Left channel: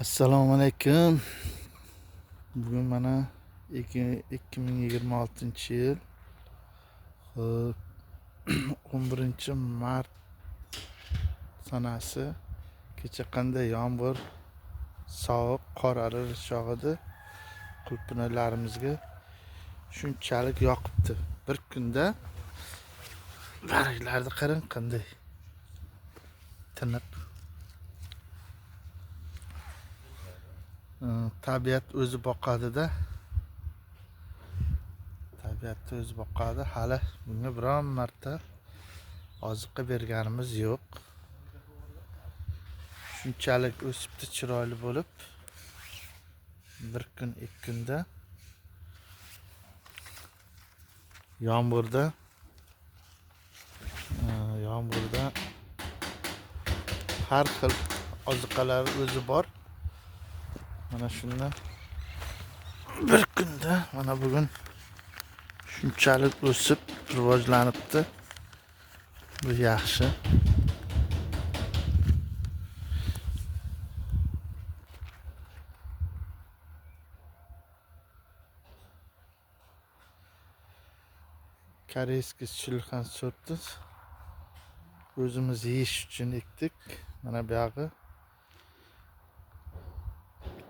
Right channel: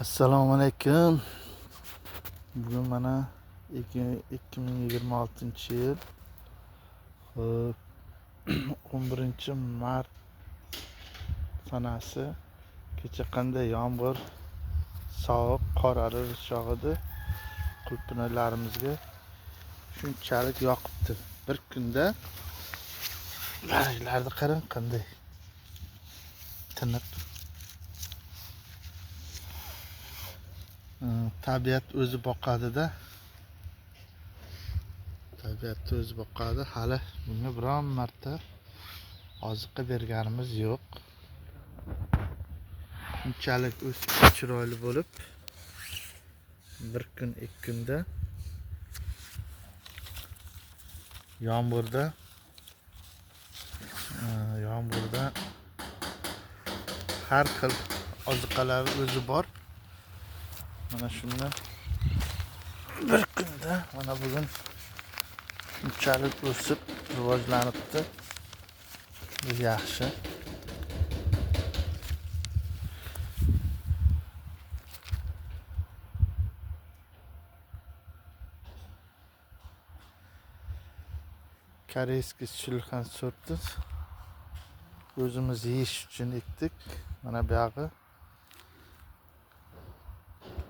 Assalomu alaykum. Bugun mana 2026-yil 11-mart sanasi. Kecha qanday yomg'ir, sovuq, qor aralash yog'di. Qulupnaylarimizga shunchalik yoqibdi. Bir kunda barglarni qarang qanday tiniq. Tabiat o'zi boqadi-da. Tabiatni o'zi boqadi. Hali bunga biron marta oziqa berganimiz yo'q. Shunchalik o'sib chiroyli bo'lib, bir kun, ikki kunda yomg'irda har xil oziqalari o'zi bor. Mana shundan bir kunda mana bugun shunchalik o'sib rivojlanibdi. Bu yaxshi. Koreyskiy shilxan sorti o'zimiz yeyish uchun ekdik. Mana bu yog'i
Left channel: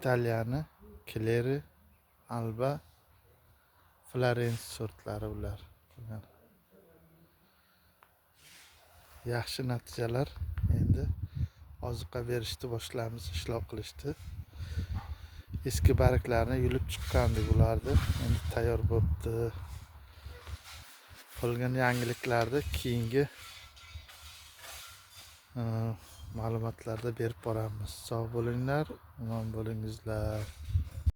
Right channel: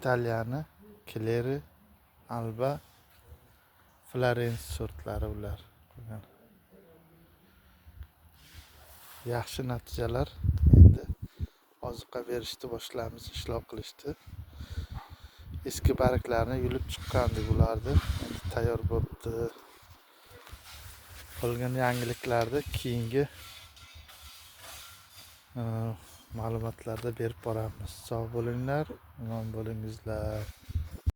Italiyani Kleri, Alba, Florence sortlari ular. Yaxshi natijalar. Endi oziqa berishni boshlaymiz, ishlov qilishdi. Eski barglarni yulib chiqqandik ularni. Endi tayyor bo'libdi. Qolgan yangiliklarni keyingi ma'lumotlarda berib boramiz. Sog' bo'linglar, omon bo'lingizlar.